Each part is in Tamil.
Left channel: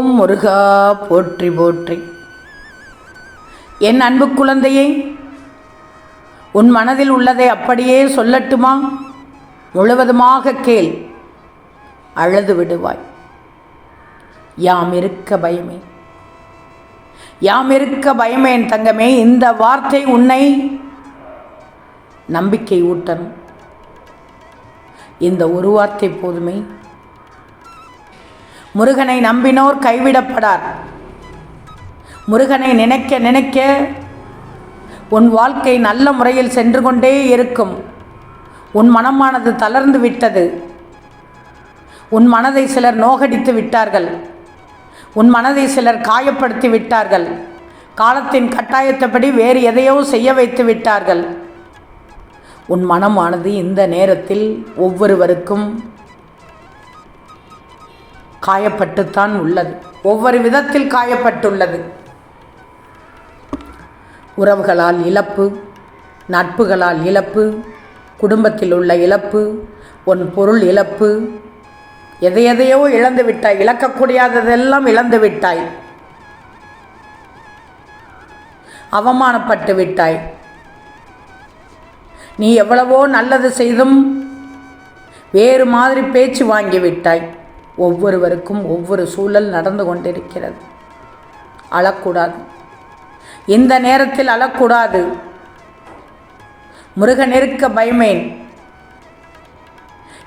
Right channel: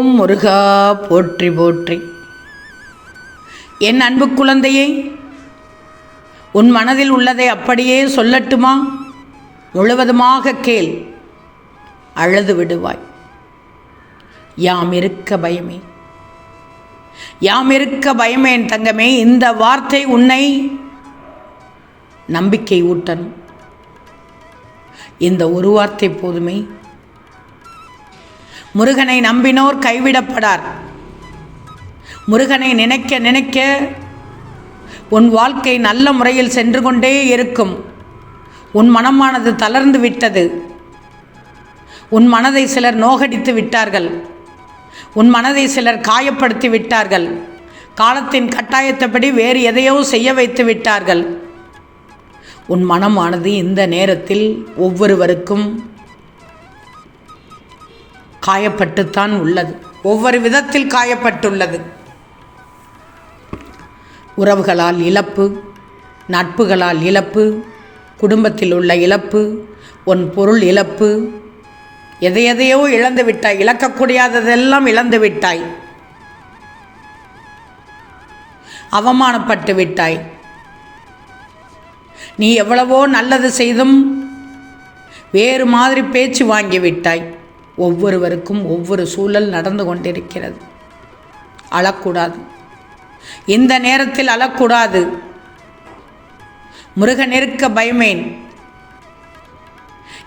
ஓம் முருகா போற்றி போற்றி. என் அன்பு குழந்தையை உன் மனதில் உள்ளதை அப்படியே சொல்லட்டுமா? முழுவதுமாக கேள். அழுது விடுவாய். யாம் இருக்க பயமே. யாம் இருக்க பயமே என் தங்கமே இந்த வார்த்தை உன்னை நம்பிக்கை ஊட்டணும். இந்த ஒரு வார்த்தை போதுமே. முருகனை நம்பினோர் கைவிடப்படார். முருகனை நினைக்க நினைக்க உன் வாழ்க்கை நல்ல முறையில் சென்று கொண்டே இருக்கும். உன் மனமானது தளர்ந்து விட்டது. உன் மனதை சிலர் நோகடித்து விட்டார்கள். உன் மனதை சிலர் காயப்படுத்தி விட்டார்கள். காலத்தின் கட்டாயத்தப்படி வேறு எதையோ செய்ய வைத்து விட்டார்கள். உன் மனமானது இந்த நேரத்தில் ஒவ்வொருவருக்கும் காயப்பட்டுத்தான் உள்ளது. ஒவ்வொரு விதத்தில் காயப்பட்டுள்ளது. உறவுகளால் இழப்பு நட்புகளால் இழப்பு குடும்பத்தில் உள்ள இழப்பு உன் பொருள் இழப்பு எதை எதையோ இழந்து விட்டாய் இழக்கக்கூடியாததெல்லாம் இழந்து விட்டாய். அவமானப்பட்டு விட்டாய். நீ எவ்வளவோ நல்லது செய்தும் வேறு மாதிரி பேச்சு வாங்கி விட்டாய். ஒவ்வொருவருக்கும் ஒவ்வொரு சூழல் நடந்து கொண்டிருக்கிறது. அழக்கூடாது. இந்த நேரத்தில் அழக்கூடாது. முருகனிருக்க பயமேன்.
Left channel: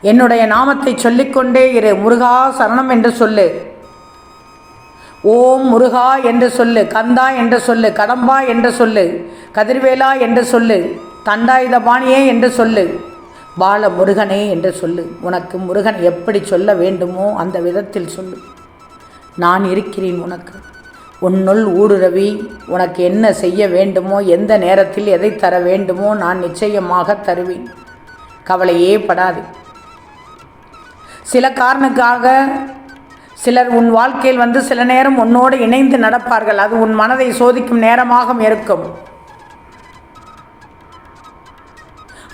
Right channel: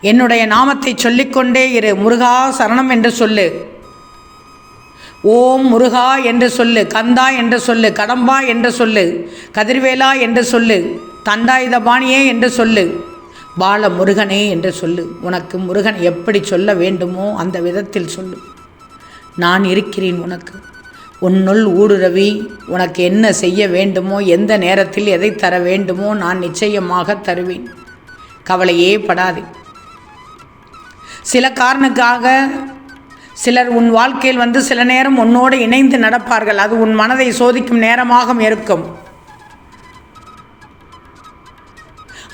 என்னுடைய நாமத்தை சொல்லிக்கொண்டே இரு. முருகா சரணம் என்று சொல்லு. ஓம் முருகா என்று சொல்லு. கந்தா என்று சொல்லு. கடம்பா என்று சொல்லு. கதிர்வேலா என்று சொல்லு. தண்டாயுதபாணியே என்று சொல்லு. பால முருகனே என்று சொல்லு. உனக்கு முருகன் எப்படி சொல்ல வேண்டுமோ அந்த விதத்தில் சொல்லு. நான் இருக்கிறேன் உனக்கு. உன்னுள் ஊடுருவி உனக்கு என்ன செய்ய வேண்டுமோ எந்த நேரத்தில் எதை தர வேண்டுமோ நான் நிச்சயமாக தருவேன். கவலையே படாதே. சில காரணக்காக சிலர் உன் வாழ்க்கையில் வந்து சில நேரம் உன்னோடு இணைந்து நடப்பார்கள். அது உன் மனதை சோதிக்கும் நேரமாக இருக்கும்.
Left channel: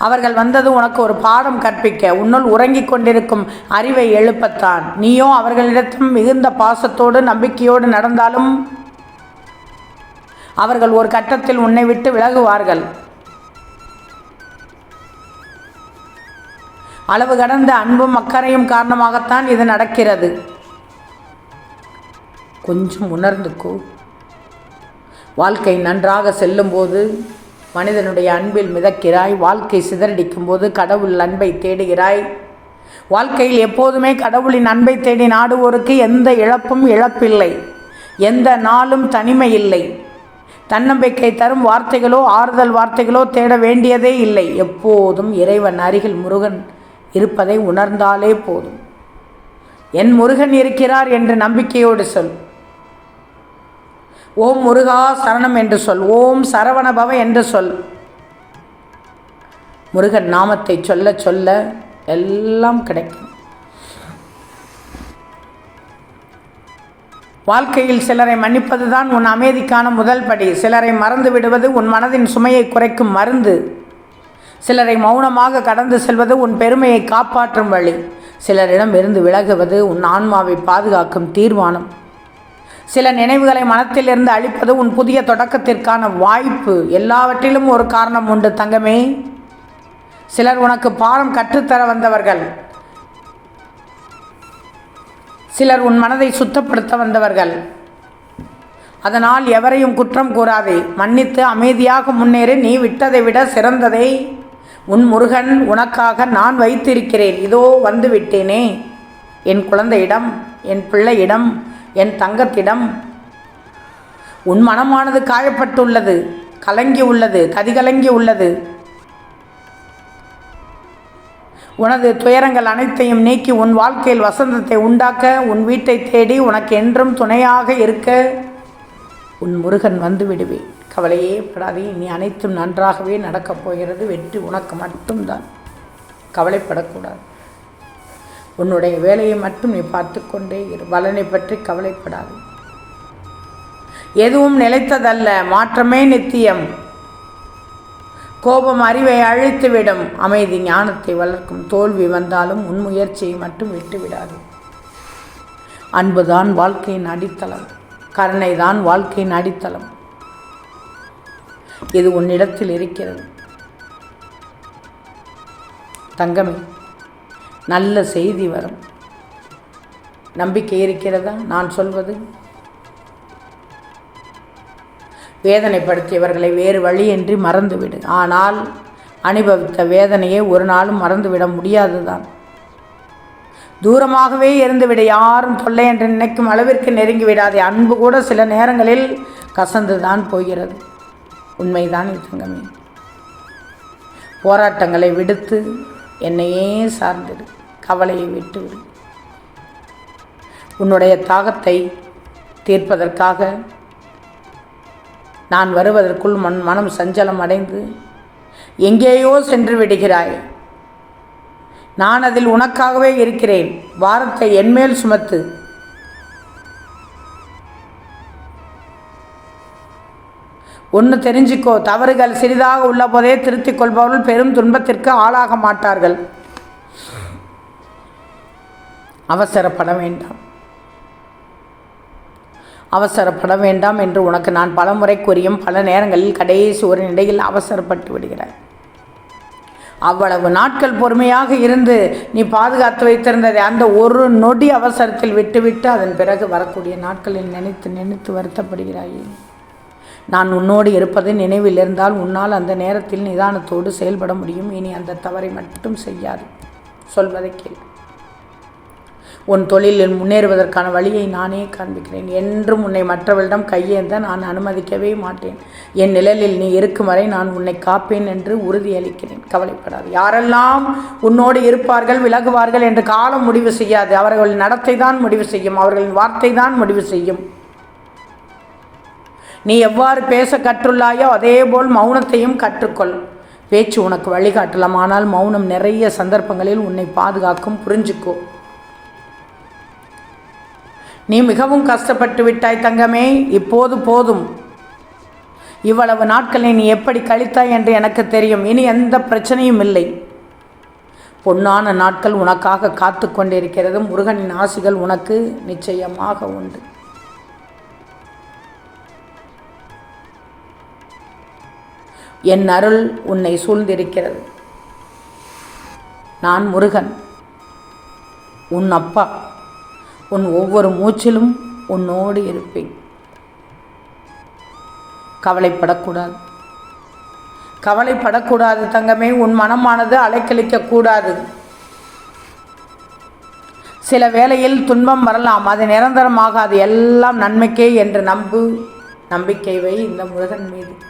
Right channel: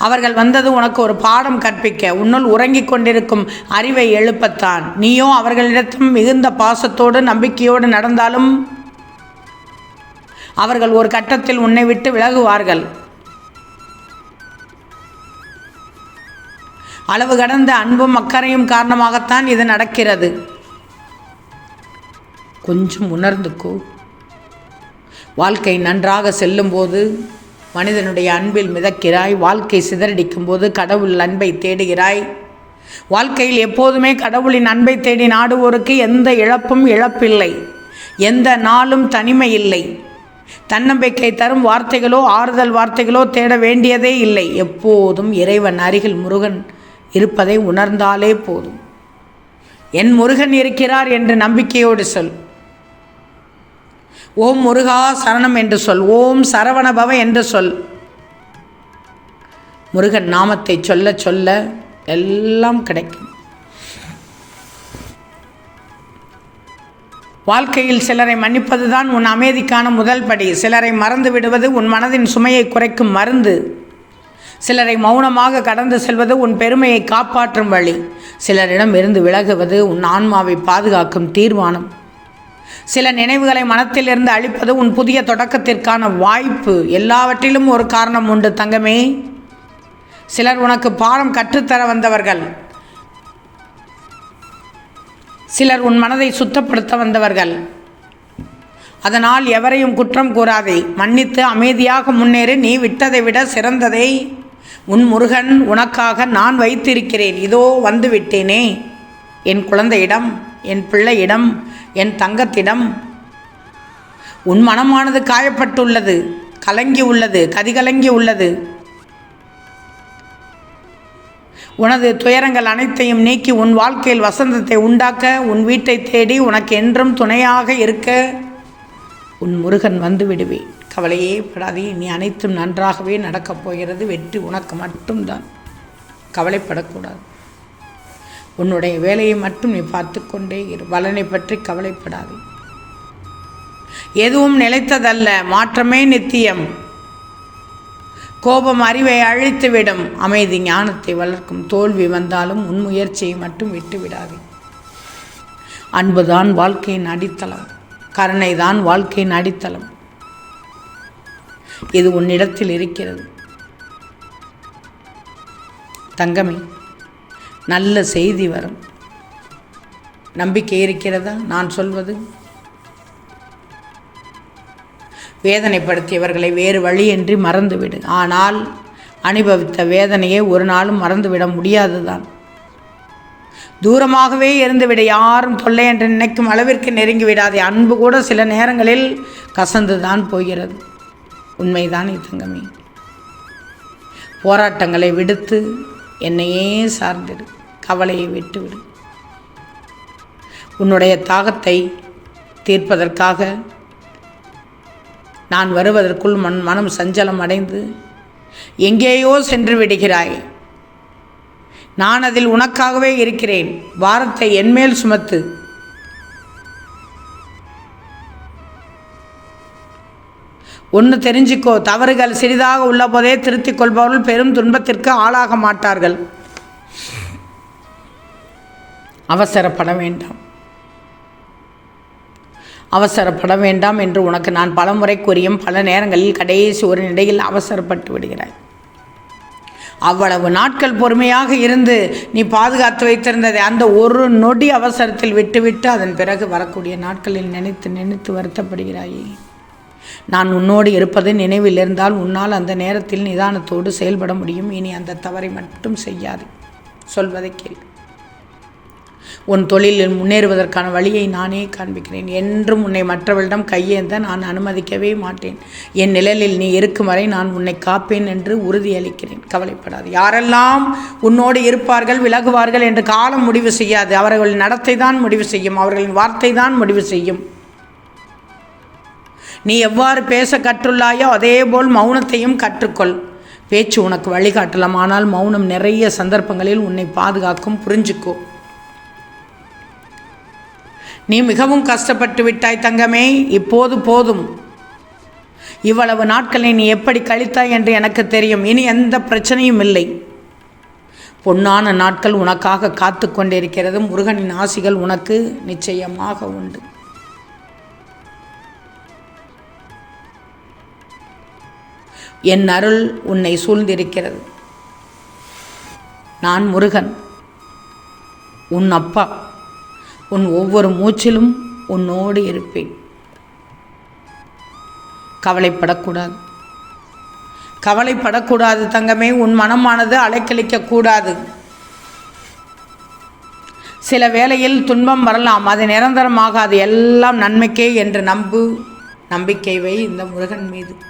அவர்கள் வந்தது உனக்கு ஒரு பாடம் கற்பிக்க. உன்னுள் உறங்கிக் கொண்டிருக்கும் அறிவை எழுப்பத்தான். நீயோ அவர்களிடத்தும் மிகுந்த பாசத்தோடு நம்பிக்கையோடு நடந்தாலும் அவர்கள் ஒரு கட்டத்தில் உன்னை விட்டு விலகுவார்கள். அளவு கடந்த அன்பும் அக்கறையும் காரணமாகத்தான் இது நடக்கிறது. கொஞ்சம் உணர்ந்துக்கோ. வாழ்க்கை நன்றாக செல்லும்போது மனிதனுடைய அன்பில் மிதக்கிறாய் வாழ்க்கை சிதறடிக்கும் போது கடவுள் அன்பை தேடுகிறாய். வாழ்க்கையில் எப்போதுமே கடவுளின் அன்பை தேடி நாடுவோருக்கு எந்த இழப்பும் இழப்பில்லை. எந்த நாளும் தனிமை இல்லை தன்னம்பிக்கை தரும் வார்த்தைகளோ ஆறுதல் வார்த்தைகளோ தேட வேண்டியதே இல்லை. எப்போதும் இறைவன் அருகில் முருகன் இருப்பதை உணர்ந்தாலே போதும். என் முருகன் இருக்கிறார் என்று நம்பிக்கையோடு சொல். ஓம் முருகா சரணம் என்று சொல் ஓம் சரவணபவ என்று சொல். முருகன் நாமத்தை சொல்ல சொல்ல எல்லாம் கிடைக்கும். வாழ்க்கையில் சிலரை மன்னிப்பதுதான் உன் அமைதிக்கான முதல் படி. சிலரை மறந்து விடுவது உன் மனதின் சுமையை குறைக்கும் மருந்து. சிலரை மௌனமாக கடந்து செல்வது உன் பெருமையை காப்பாற்றும் வழி. சிலரிடம் இருந்து விலகுவது உன் ஆன்மாவை பாதுகாக்கும் தீர்மானம். சில நினைவுகளை மனத்திலிருந்து அழிப்பது உன் புதிய தொடக்கத்திற்கான வாய்ப்பு. எல்லாவற்றிலும் ஒரு காரணம் உண்டு தங்கமே. சிலர் உனக்கு பாடம் கற்றுத்தர வந்தவர்கள். சிலர் உன் மனதை சுத்தப்படுத்த வந்தவர்கள். அதனால் எவரையும் குற்றம் கூறாதே. மன்னித்து அமைதியாக முன்னேறி. நீ விட்டதை விட சிறந்ததை. உன் முருகன் உனக்காக நான் வைத்திருக்கிறேன். இதோ வந்து விட்டேனே என் குழந்தையிடம் என் பிள்ளையிடம் என் தங்கத்திடம். உன் மனமானது காயப்பட்டுள்ளது கலங்கி உள்ளது கதிகலங்கி உள்ளது உனது துயரங்கள் அனைத்தையும் நீக்கி உன் வாழ்க்கையில் வசந்தத்தை உண்டாக்க உன் வீட்டை தேடி உனக்கு என்றும் துணையாக இருக்க உன் முருகன் வந்து விடுவேன் கவலையே படாதே நீ அனைத்தும் நன்றாகவே நடக்கப் போகிறது. வெற்றி உனக்கு மட்டும்தான். கவலைப்படக்கூடாது. உன்னுடைய வேலையை மட்டும் நீ பார்த்து கொண்டே இரு. பலனை பற்றி கவலைப்படாது. எதுவும் நிலைத்ததல்ல. மாற்றமே நித்தியம். கோபம் அறிவை அழித்துவிடும். அமைதி ஞானத்தை வளர்க்கும். தோல்வி வந்தாலும் உன் முயற்சியை மட்டும் விட்டுவிடாது. அன்புதான் வாழ்க்கையின் அடித்தளம். கருணைதான் வாழ்க்கையின் அடித்தளம். இது உன்னிடத்தில் இருக்கிறது. தங்கமே நல்ல செய்தி வரும். நம்பிக்கை இருக்கிறதா? நான் சொல்வது. வேதனைப்படுத்தியவர்களை வேறு வழியின்றி மறந்துவிடு. ஆனால் அனுபவித்த வேதனையை ஒரு நாளும் மறந்துவிட முடியாதுதான். தூரமாகவே இருந்துவிட. யாரும் தொல்லை என்று நினைக்கும் அளவிற்கு நெருங்கி விடாதே அன்பு கூட சில நேரங்களில் கசந்துதான் போகிறது. உண்மைதான் தங்கமே போராட்டங்களை விடுத்து என்னையே சார்ந்திடு கவலையை விட்டுவிடு. உன்னுடைய தாகத்தை தீர்ப்பதற்காக நான் வருவதற்குள் மன் மனம் சஞ்சலம் அடைந்து எங்கேயோ சென்று விடுகிறாய். நான் அதில் உனக்காகவே இருக்கிறேன். வாரத்தை என்மேல் சுமத்து. ஒன்று தெரிஞ்சுக்கோ தவறுகள் சிறிதாக உள்ள போதே திருத்திக் கொள்பவர்கள் பெரும் துன்பத்திற்கு ஆளாக மாட்டார்கள். அவசரப்பட வேண்டாம். அவசரப்பட வேண்டாம் என்று உனக்கு நான் பல முறை கூறியும் பல நேரங்களில் கடைசி ஒரு நிலையில் அவசரப்பட்டு விடுகிறாய். அவ்வளவு நாட்கள் பொறுமையாக இருந்து நீ பாதுகாத்து வைத்திருந்ததை அந்த ஒரு நொடி அவசரத்தில் விட்டுவிட்டு அதன் பிறகு வரக்கூடிய நாட்களில் நினைத்து நினைத்து வருத்தப்படுகிறாயே. நான் உன்னோடு இருப்பது நினைவில் இருந்தால் உன்னால் அந்த நேரத்தில் நிதானத்தோடு செயல்பட முடியும். இனி அந்த தவறை மட்டும் செய்யாது. சொல்வதை கேள். உன் தொழிலில் முன்னேறுவதற்கான வழியை நானே காண்பிக்கிறேன். என்றும் உன்னை மற்றவர்களிடம் கையேந்த நான் அனுமதிக்கவே மாட்டேன். என் நிழலில் நீ இருக்கும் வரை நான் உன்னை காப்பேன் என்று உறுதியளிக்கிறேன் கவலைப்படாது. யாரெல்லாம் உன்னோடு இருப்பார்கள் விலகுவார்கள் என்று காலம் முடிவு செய்யாது. அவர்களின் நடத்தை தான் முடிவு செய்யும். அவர்களின் வார்த்தை தான் முடிவு செய்யும். நீ எவ்வாறு பேச கற்றுள்ளாயோ அதேபோல் மௌனத்தையும் கற்றுக்கொள். பேச்சு உனக்கு வழிகாட்டலாம். ஆனால் மௌனம் நிறைய சந்தர்ப்பங்களில் உன்னை பாதுகாக்கும். புரிஞ்சுக்கோ. நீ மிகவும் கஷ்டப்பட்டு விட்டாய் தங்கமே. இப்போது போதும். இவ்வளவு நாட்களை நீ எப்படி கழித்தாய் என்று எனக்கு தெரியும். இனி எந்த பிரச்சனையும் இல்லை. பொன்னான நாட்கள் உனக்காக காத்து கொண்டிருக்கிறது முருகனின் ஆசிகள் உனக்கு நிச்சயமாக உண்டு. என் அருள் உன்னை சூழ்ந்திருக்கிறது. நான் முருகன். உன் அப்பா. உன் ஒவ்வொரு மூச்சிலும் உன்னோடு இருப்பேன். கவலைப்படக்கூடாது. கவலைப்படக்கூடாது தங்கமே. உன் மனமானது அலைக்கழிக்கக்கூடாது சில வேளையில் துன்பம் வரலாம். அது நிரந்தரமாகாது. எல்லாம் நன்மைக்கே என்று நம்பு நம்பிக்கை வை இந்த முருகன் மீது.